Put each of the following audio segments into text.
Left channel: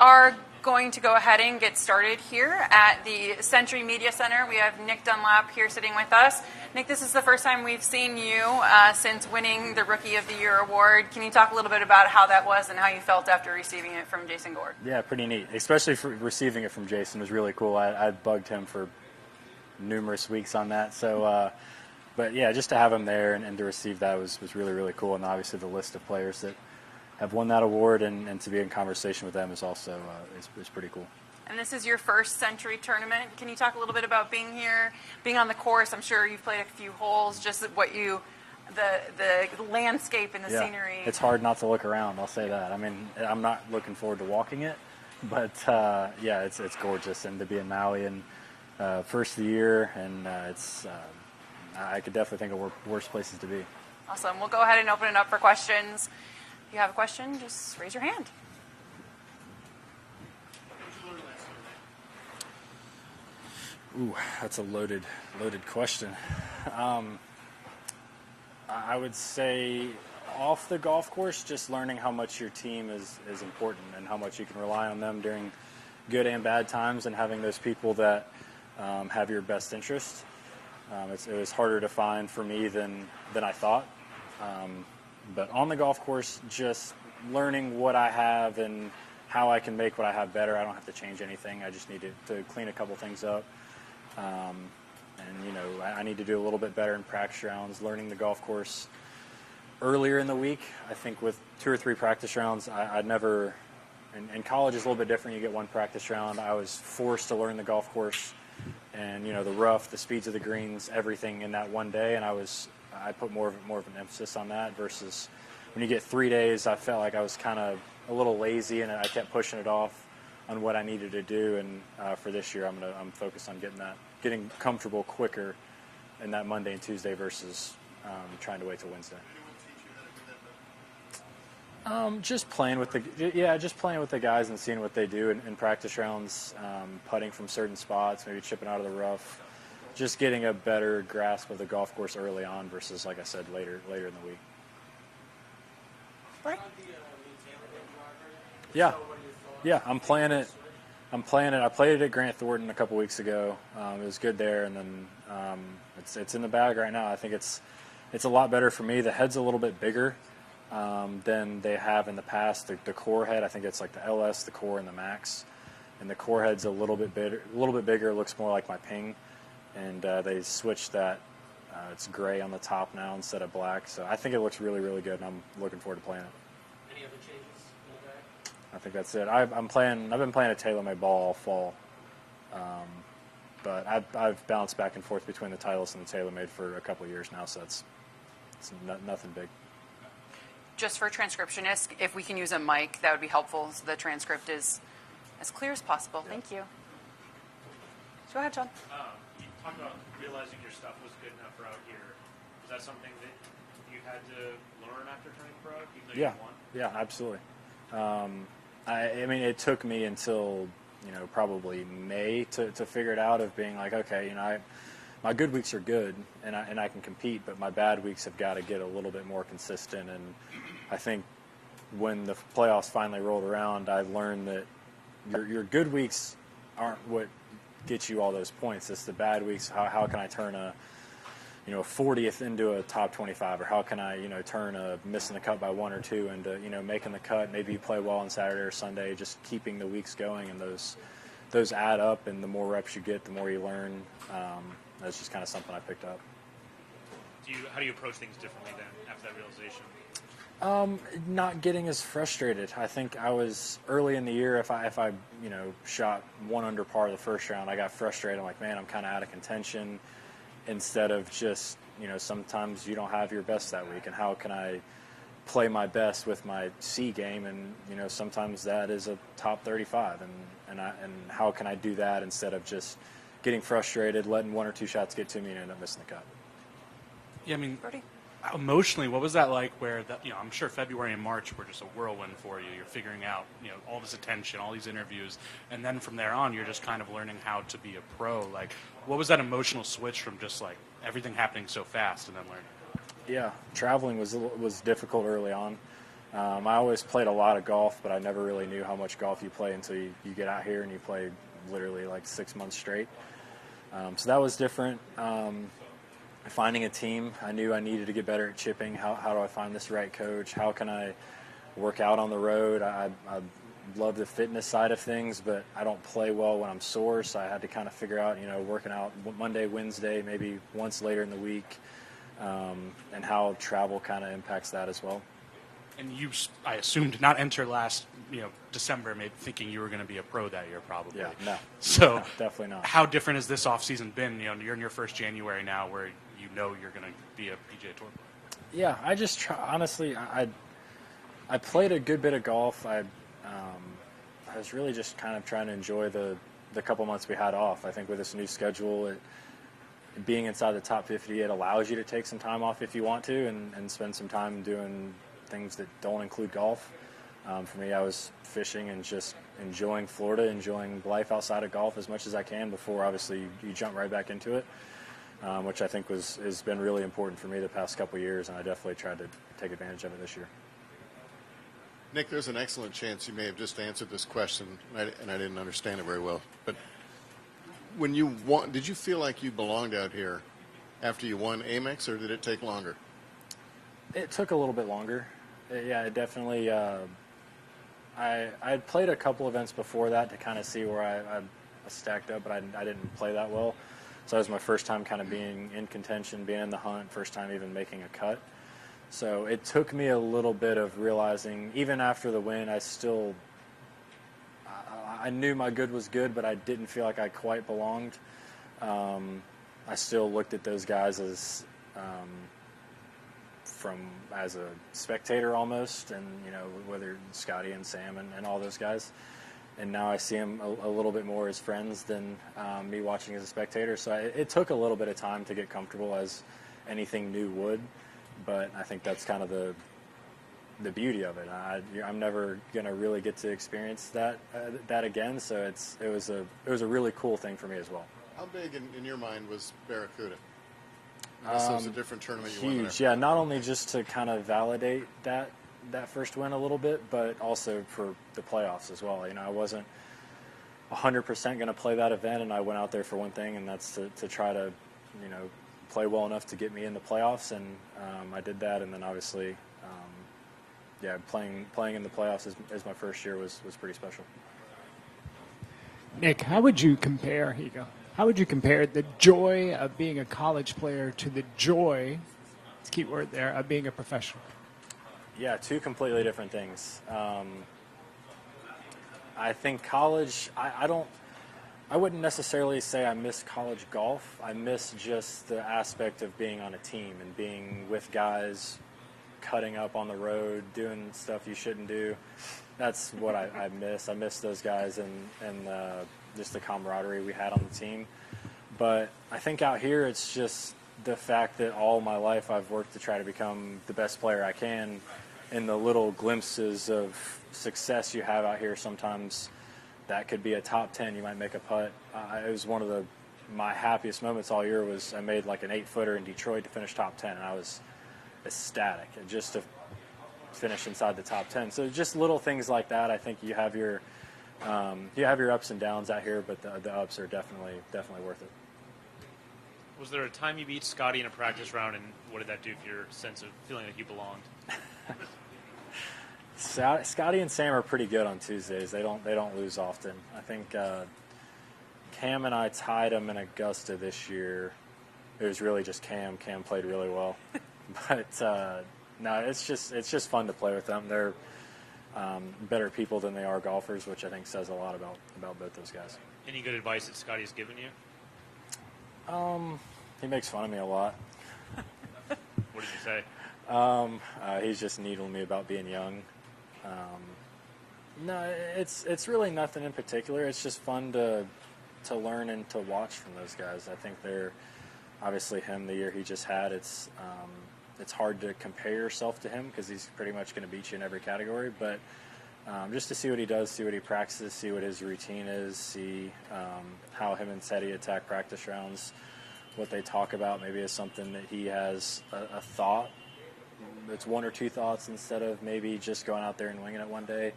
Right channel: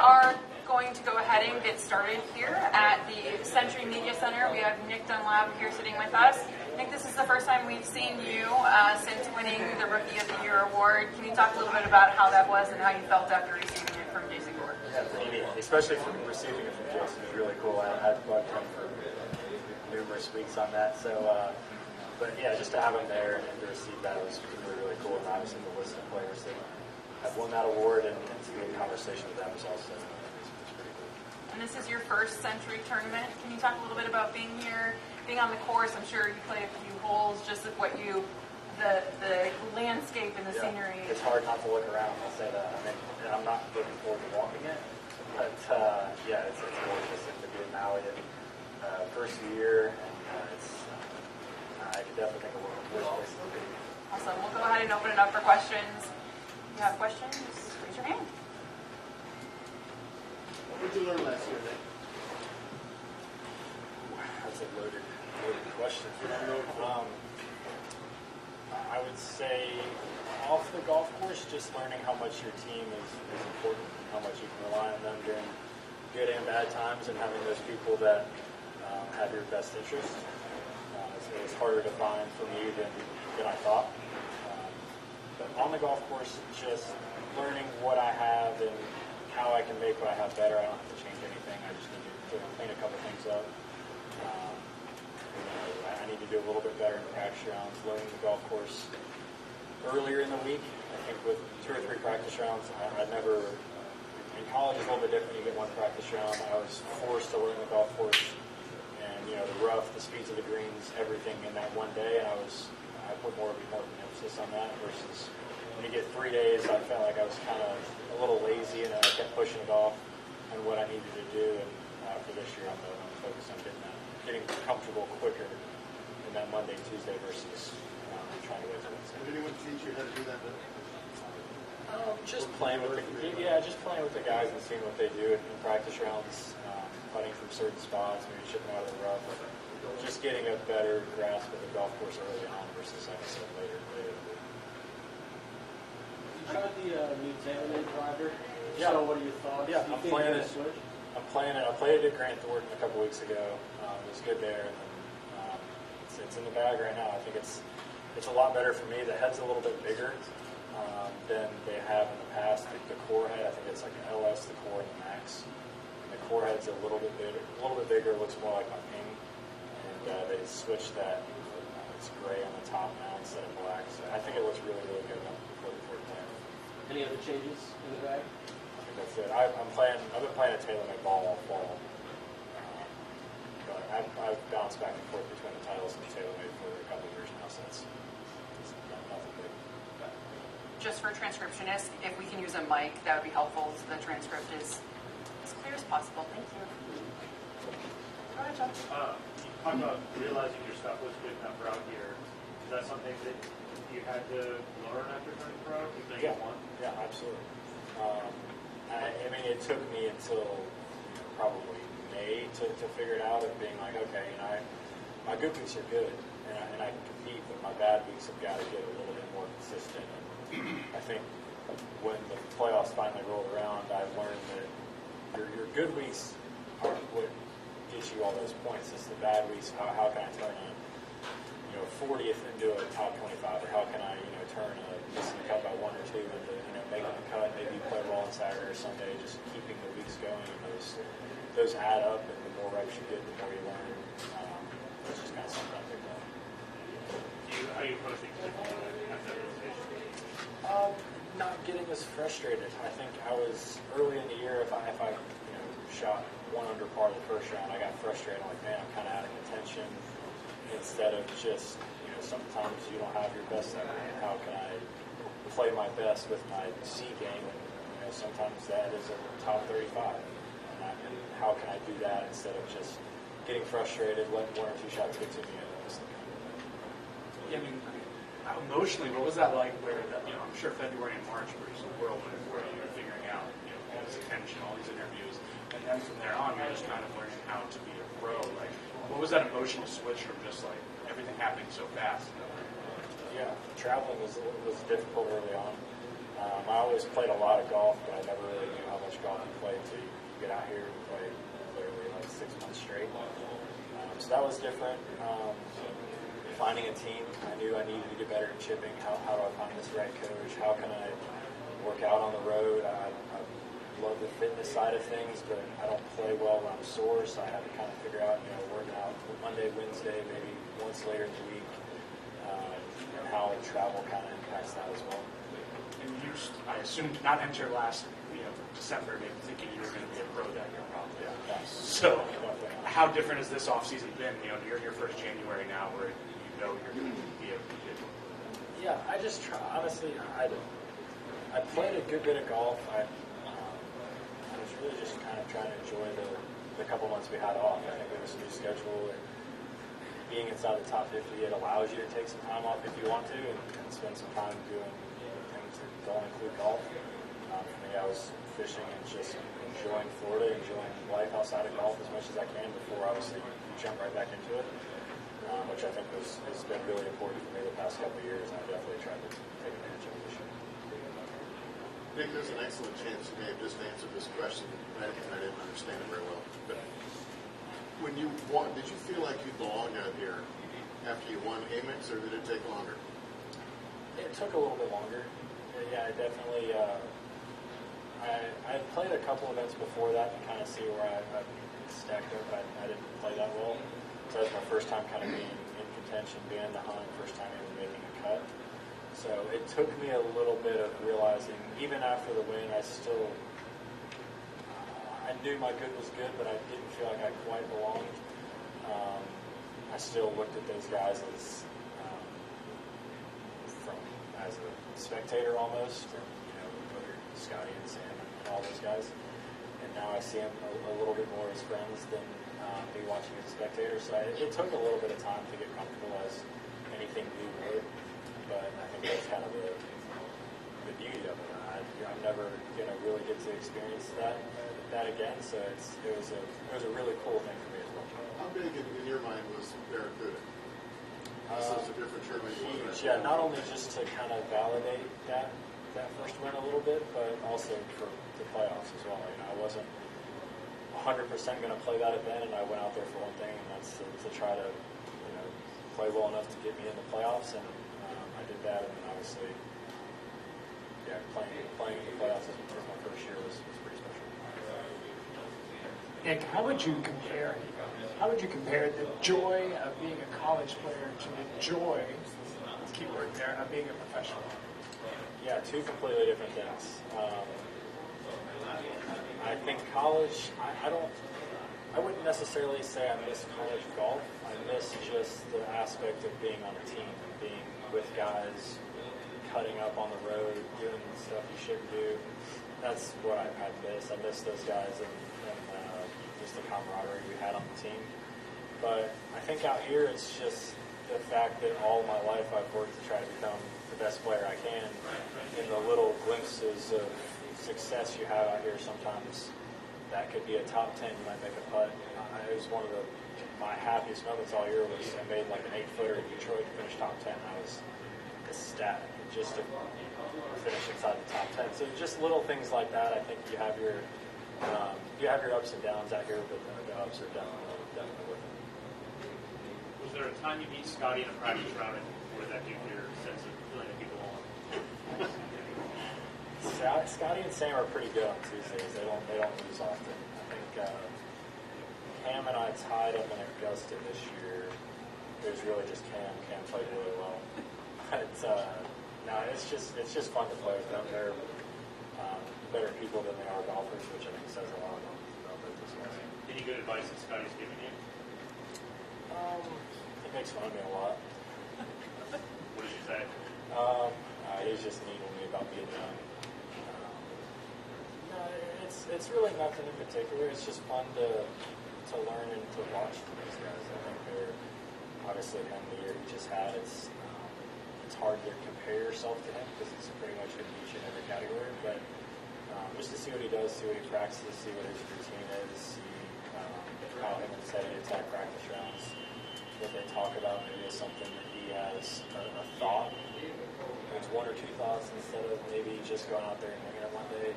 are going to go ahead and get started here at the Sentry Media Center. We have Nick Dunlap here sitting with us. Nick, this is the first time we've seen you since winning the Rookie of the Year award. Can you talk a little bit about how that was and how you felt after receiving it from Jason Gore? Yeah, pretty neat. Especially for receiving it from Jason was really cool. I bugged him for numerous weeks on that. So, but yeah, just to have him there and to receive that was really, really cool. And obviously the list of players that have won that award and to be in conversation with them is also is pretty cool. And this is your first Sentry tournament. Can you talk a little bit about being here, being on the course? I'm sure you've played a few holes, just what you, the landscape and the scenery. It's hard not to look around, I'll say that. I mean, I'm not looking forward to walking it, but yeah, it's gorgeous. And to be in Maui and first of the year, and I could definitely think of worse places to be. Awesome. We'll go ahead and open it up for questions. If you have a question, just raise your hand. What did you learn last year, Nick? Ooh, that's a loaded question. I would say off the golf course, just learning how much your team is important and how much you can rely on them during good and bad times, and having those people that have your best interest. It was harder to find for me than I thought. But on the golf course, just learning what I have and how I can make what I have better. I don't have to change anything. I just need to clean a couple things up. And I need to do a little bit better in practice rounds. Learning the golf course earlier in the week. I think with 2 or 3 practice rounds, I never. In college, it's a little bit different. You get 1 practice round. I was forced to learn the golf course and the rough, the speeds of the greens, everything in that one day, and I put more of an emphasis on that versus when you get 3 days. I felt like I was kind of a little lazy, and I kept pushing it off on what I needed to do. And for this year, I'm focused on getting comfortable quicker in that Monday and Tuesday versus trying to wait till Wednesday. Did anyone teach you how to do that? Just playing with the guys and seeing what they do in practice rounds, putting from certain spots, maybe chipping out of the rough. Just getting a better grasp of the golf course early on versus, like I said, later in the week. You tried the new TaylorMade driver. Yeah. So what are your thoughts? Yeah, I'm playing it. I played it at Grant Thornton a couple weeks ago. It was good there, and then it's in the bag right now. I think it's a lot better for me. The head's a little bit bigger than they have in the past. The core head, I think it's like the LS, the core, and the Max. And the core head's a little bit bigger. It looks more like my Ping. And they switched that. It's gray on the top now instead of black. So I think it looks really, really good, and I'm looking forward to playing it. Any other changes in the bag? I think that's it. I've been playing a TaylorMade ball all fall, but I've bounced back and forth between the Titles and the TaylorMade for a couple of years now, so it's nothing big. Just for transcriptionists, if we can use a mic, that would be helpful so the transcript is as clear as possible. Thank you. Go ahead, John. You talked about realizing your stuff was good enough for out here. Is that something that you had to learn after turning pro? Yeah, absolutely. I mean, it took me until probably May to figure it out, of being like, okay, my good weeks are good and I can compete, but my bad weeks have got to get a little bit more consistent. And I think when the playoffs finally rolled around, I learned that your good weeks aren't what get you all those points. It's the bad weeks. How can I turn a 40th into a top 25, or how can I turn a missing the cut by 1 or 2 into making the cut, maybe play well on Saturday or Sunday, just keeping the weeks going, and those add up, and the more reps you get, the more you learn. That's just kind of something I picked up. How do you approach things differently after that realization? Not getting as frustrated. I think I was early in the year. If I shot 1 under par the first round, I got frustrated. I'm like, man, I'm kind of out of contention. Instead of just sometimes you don't have your best that week, and how can I play my best with my C game? And sometimes that is a top 35, and how can I do that instead of just getting frustrated, letting 1 or 2 shots get to me, and then missing the cut. Yeah, I mean, emotionally, what was that like? Where I'm sure February and March were just a whirlwind for you. You're figuring out, all this attention, all these interviews, and then from there on, you're just kind of learning how to be a pro. Like, what was that emotional switch from just like everything happening so fast and then learning? Yeah, traveling was difficult early on. I always played a lot of golf, but I never really knew how much golf you play until you get out here and you play literally like 6 months straight. So that was different. Finding a team, I knew I needed to get better at chipping. How do I find this right coach? How can I work out on the road? I love the fitness side of things, but I don't play well when I'm sore, so I had to kind of figure out, working out Monday, Wednesday, maybe once later in the week, and how travel kind of impacts that as well. And you, I assume, did not enter last December, maybe thinking you were going to be a pro that year, probably. Yeah, no. So No, definitely not. how different has this offseason been? You're in your first January now, where you're going to be a PGA Tour. Yeah, I just honestly, I played a good bit of golf. I was really just kind of trying to enjoy the couple months we had off. I think with this new schedule, being inside the top 50, it allows you to take some time off if you want to and spend some time doing things that don't include golf. For me, I was fishing and just enjoying Florida, enjoying life outside of golf as much as I can before, obviously, you jump right back into it, which I think has been really important for me the past couple of years, and I definitely tried to take advantage of it this year. Nick, there's an excellent chance you may have just answered this question, and I didn't understand it very well. But when you won, did you feel like you belonged out here after you won Amex, or did it take longer? It took a little bit longer. Yeah, it definitely. I played a couple events before that to kind of see where I stacked up, but I didn't play that well. So that was my first time kind of being in contention, being in the hunt, first time even making a cut. So it took me a little bit of realizing, even after the win, I knew my good was good, but I didn't feel like I quite belonged. I still looked at those guys as as a spectator almost, and whether Scotty and Sam and all those guys. And now I see them a little bit more as friends than me watching as a spectator. So it took a little bit of time to get comfortable, as anything new would. But I think that's kind of the beauty of it. I'm never going to really get to experience that again. So it was a really cool thing for me as well. How big in your mind was Barracuda? This was a different tournament. Huge, yeah. Not only just to kind of validate that first win a little bit, but also for the playoffs as well. I wasn't 100% going to play that event, and I went out there for one thing, and that's to try to play well enough to get me in the playoffs, and I did that. And then obviously, playing in the playoffs as my first year was pretty special. Nick, how would you compare? Here you go. How would you compare the joy of being a college player to the joy, key word there, of being a professional? Yeah, two completely different things. I think college, I wouldn't necessarily say I miss college golf. I miss just the aspect of being on a team and being with guys, cutting up on the road, doing stuff you shouldn't do. That's what I miss. I miss those guys and just the camaraderie we had on the team. But I think out here it's just the fact that all my life I've worked to try to become the best player I can, and the little glimpses of success you have out here. Sometimes that could be a top 10, you might make a putt. It was one of my happiest moments all year was I made like an 8-footer in Detroit to finish top 10, and I was ecstatic. And just to finish inside the top 10. So just little things like that. I think you have your ups and downs out here, but the ups are definitely worth it. Was there a time you beat Scotty in a practice round, and what did that do for your sense of feeling that you belonged? Scotty and Sam are pretty good on Tuesdays. They don't lose often. I think Cam and I tied them in Augusta this year. It was really just Cam. Cam played really well, but no, it's just fun to play with them. They're better people than they are golfers, which I think says a lot about both those guys. Any good advice that Scotty's given you? He makes fun of me a lot. What does he say? He's just needling me about being young. No, it's really nothing in particular. It's just fun to learn and to watch from those guys. I think they're obviously him the year he just had. It's hard to compare yourself to him because he's pretty much going to beat you in every category. But just to see what he does, see what he practices, see what his routine is, see how him and Teddy attack practice rounds, what they talk about maybe is something that he has a thought it's one or two thoughts instead of maybe just going out there and winging it one day.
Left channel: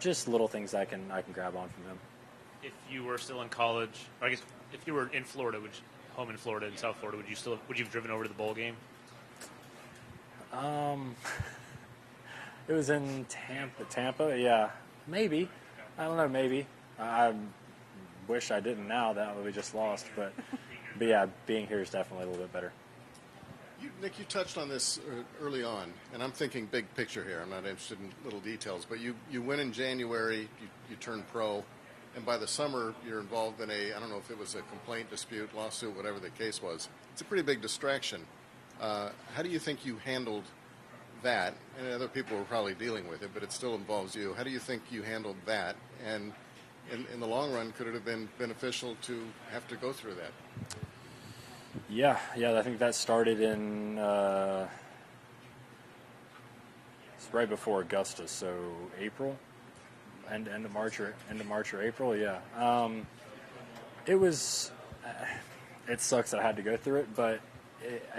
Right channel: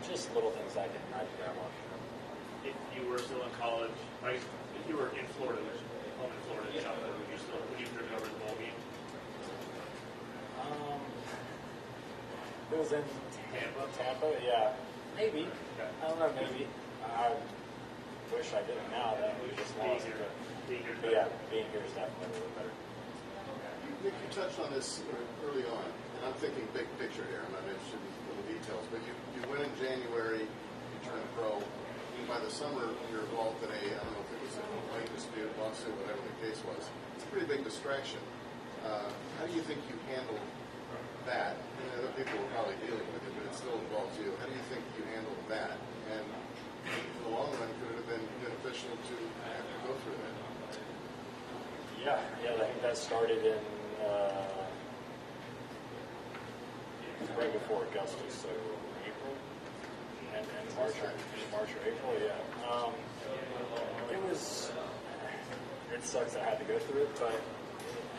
Just little things I can grab on from them. If you were still in college, I guess if you were in Florida, which home in Florida, in South Florida, would you have driven over to the bowl game? It was in Tampa. Yeah, maybe. I don't know. Maybe. I wish I didn't now. That we just lost. But yeah, being here is definitely a little bit better. Nick, you touched on this early on, and I'm thinking big picture here. I'm not interested in little details, but you went in January, you turned pro, and by the summer you're involved in I don't know if it was a complaint, dispute, lawsuit, whatever the case was. It's a pretty big distraction. How do you think you handled that? And other people were probably dealing with it, but it still involves you. How do you think you handled that? And in the long run, could it have been beneficial to have to go through that? Yeah. I think that started in right before Augusta, so April, end of March or April. Yeah. It was. It sucks that I had to go through it, but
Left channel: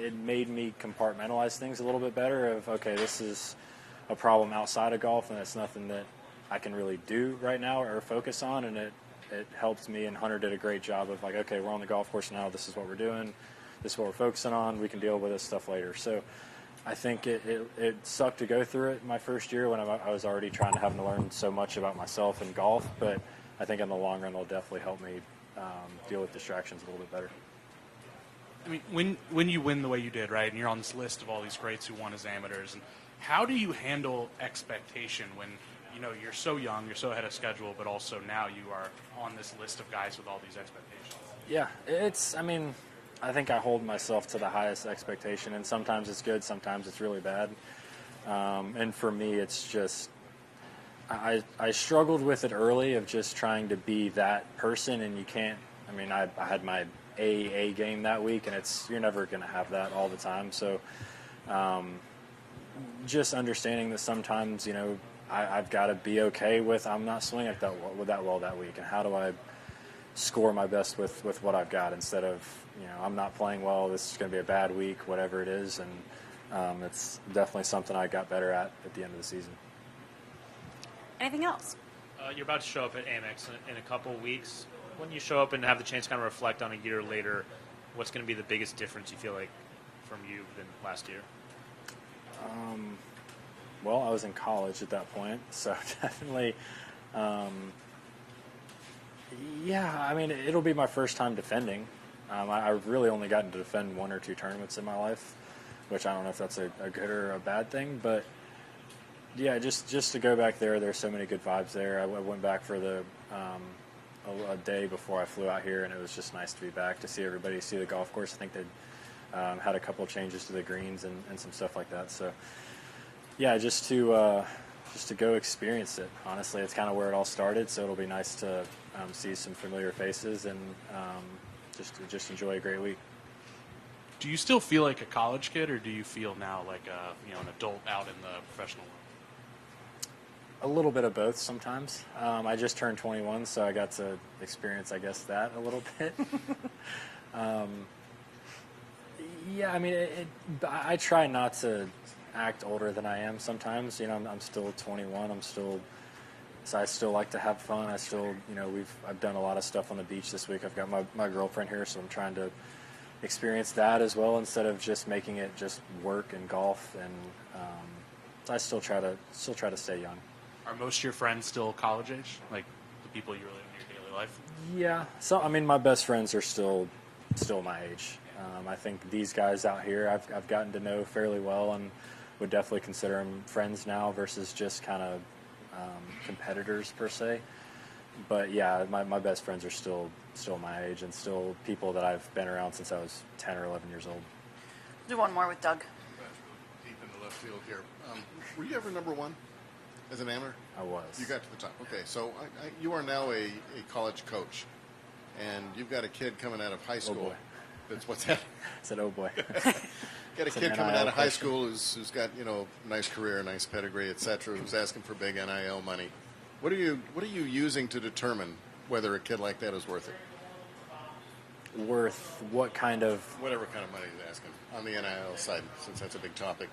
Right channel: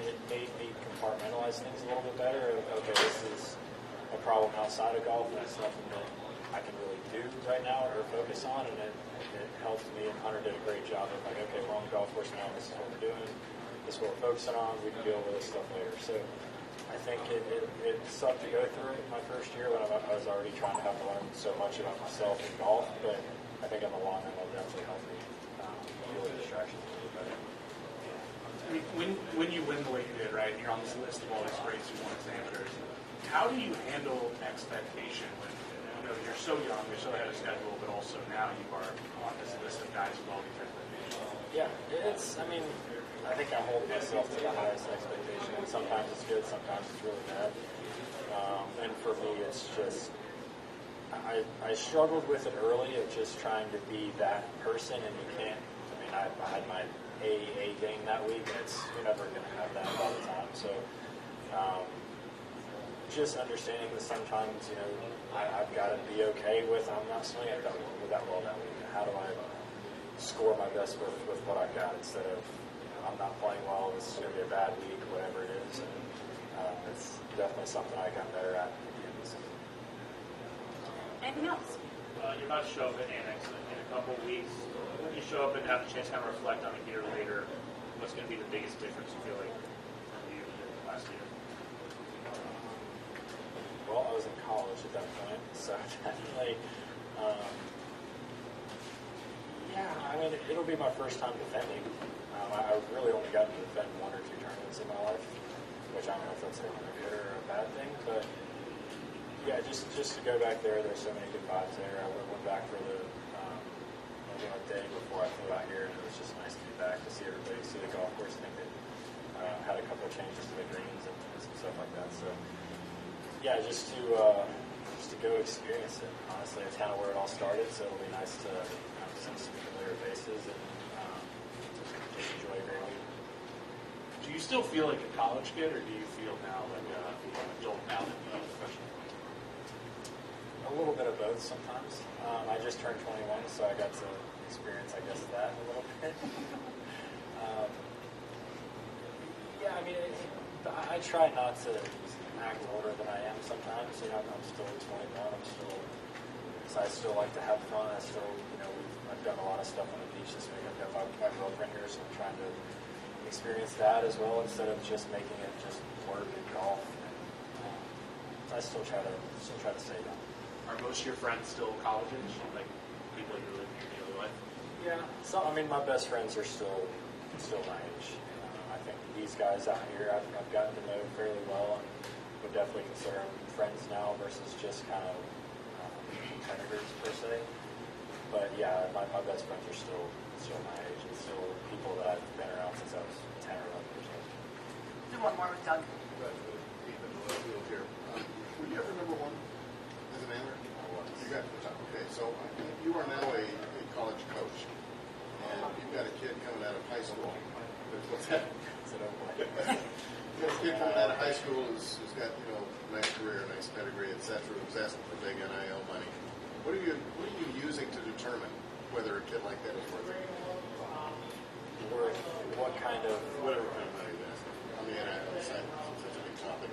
it made me compartmentalize things a little bit better. Of okay, this is a problem outside of golf, and it's nothing that I can really do right now or focus on, and it helps me. And Hunter did a great job of like, okay, we're on the golf course now. This is what we're doing. This is what we're focusing on. We can deal with this stuff later. So I think it sucked to go through it my first year when I was already trying to have to learn so much about myself in golf. But I think in the long run, it'll definitely help me deal with distractions a little bit better. I mean, when you win the way you did, right, and you're on this list of all these greats who won as amateurs, how do you handle expectation when you're so young, you're so ahead of schedule, but also now you are on this list of guys with all these expectations? Yeah, I think I hold myself to the highest expectation, and sometimes it's good, sometimes it's really bad. And for me, it's just I struggled with it early of just trying to be that person, and you can't. I mean, I had my A game that week, and you're never going to have that all the time. So just understanding that sometimes, I've got to be okay with I'm not swinging with that well that week, and how do I score my best with what I've got instead of I'm not playing well, this is going to be a bad week, whatever it is, and it's definitely something I got better at the end of the season. Anything else? You're about to show up at Amex in a couple of weeks. When you show up and have the chance to kind of reflect on a year later, what's going to be the biggest difference you feel like from you than last year? Well, I was in college at that point, so definitely, I mean, it'll be my first time defending. I've really only gotten to defend one or two tournaments in my life, which I don't know if that's a good or a bad thing, but yeah, just to go back there's so many good vibes there. I went back for a day before I flew out here, and it was just nice to be back, to see everybody, see the golf course. I think they had a couple of changes to the greens and some stuff like that. So yeah, just to go experience it. Honestly, it's kind of where it all started, so it'll be nice to see some familiar faces and just enjoy a great week. Do you still feel like a college kid, or do you feel now like an adult out in the professional world? A little bit of both sometimes. I just turned 21, so I got to experience, I guess, that a little bit. Yeah, I mean, I try not to act older than I am sometimes. I'm still 21. So I still like to have fun. I still, I've done a lot of stuff on the beach this week. I've got my girlfriend here, so I'm trying to experience that as well instead of just making it just work and golf. And I still try to stay young. Are most of your friends still college age, like people you really meet in daily life? Yeah. So I mean, my best friends are still my age. I think these guys out here I've gotten to know fairly well, and would definitely consider them friends now versus just kind of competitors per se. But yeah, my best friends are still my age, and still people that I've been around since I was 10 or 11 years old. Do one more with Doug. That's really deep in the left field here. Were you ever number one as an amateur? I was. You got to the top. Okay, so you are now a college coach, and you've got a kid coming out of high school. What's that? I said, oh boy. Got a kid coming out of high school who's got a nice career, nice pedigree, etc. Who's asking for big NIL money. What are you using to determine whether a kid like that is worth it? Worth what kind of? Whatever kind of money he's asking. on the NIL side, since that's a big topic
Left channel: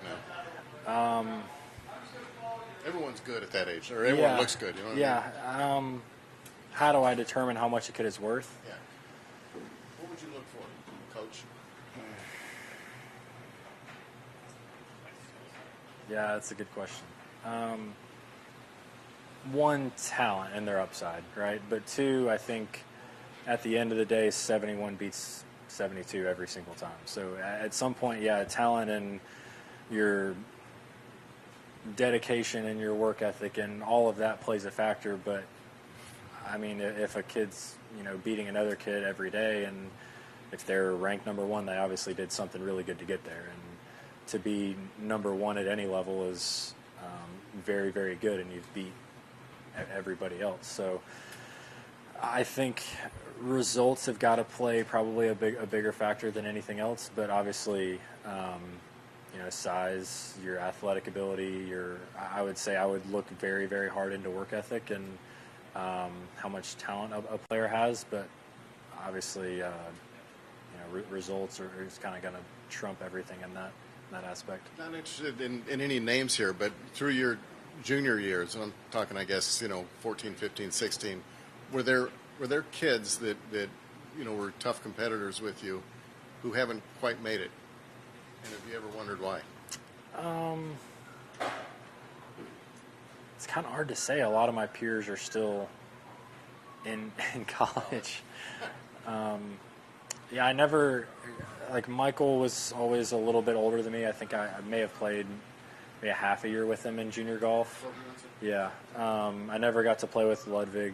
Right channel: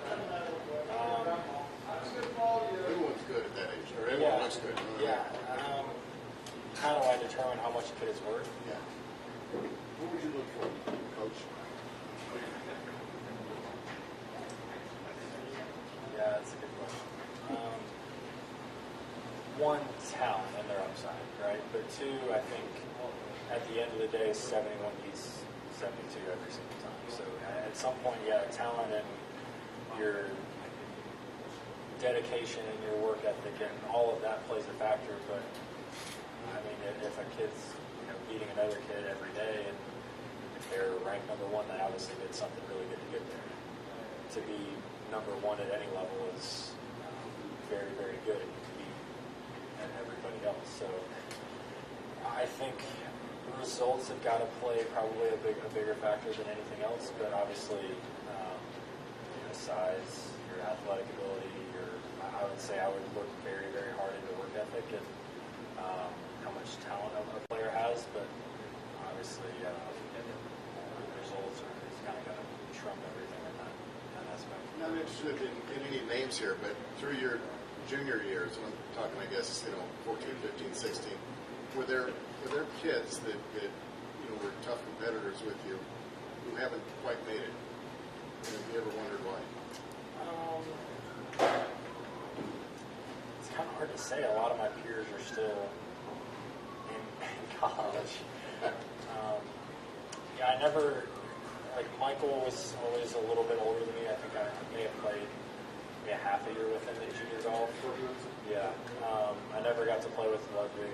now? Everyone's good at that age, or everyone looks good. You know what I mean? Yeah. How do I determine how much a kid is worth? Yeah. What would you look for, coach? Yeah, that's a good question. One, talent and their upside, right? But two, I think at the end of the day, 71 beats 72 every single time. So at some point, yeah, talent and your dedication and your work ethic and all of that plays a factor. But I mean, if a kid's beating another kid every day, and if they're ranked number one, they obviously did something really good to get there. And to be number one at any level is very, very good, and you've beat everybody else. So I think results have got to play probably a bigger factor than anything else. But obviously, size, your athletic ability, I would say I would look very, very hard into work ethic and how much talent a player has. But obviously, results are just kind of going to trump everything in that aspect. Not interested in any names here, but through your junior years, I'm talking, I guess, 14, 15, 16, were there kids that were tough competitors with you who haven't quite made it? And have you ever wondered why? It's kind of hard to say. A lot of my peers are still in college. Yeah, I never, like Michael was always a little bit older than me. I think I may have played maybe a half a year with him in junior golf. Yeah. I never got to play with Ludwig.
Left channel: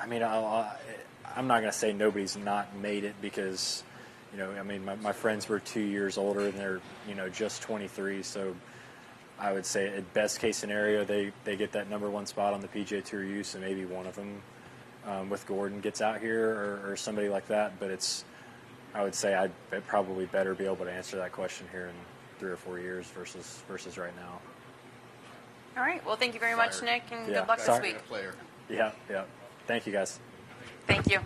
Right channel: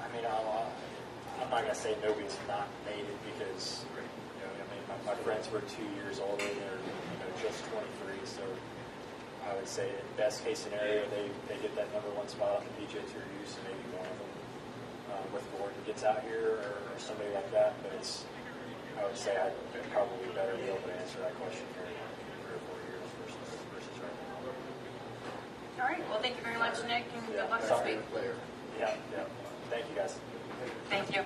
I mean, I'm not going to say nobody's not made it because, my friends were 2 years older and they're, just 23. So I would say at best case scenario, they get that number one spot on the PGA Tour use, and maybe one of them with Gordon gets out here or somebody like that. But I would say I'd probably better be able to answer that question here in 3 or 4 years versus right now. All right. Well, thank you very much, Nick, and good luck this Sorry. week. Player. Yeah. Thank you, guys. Thank you.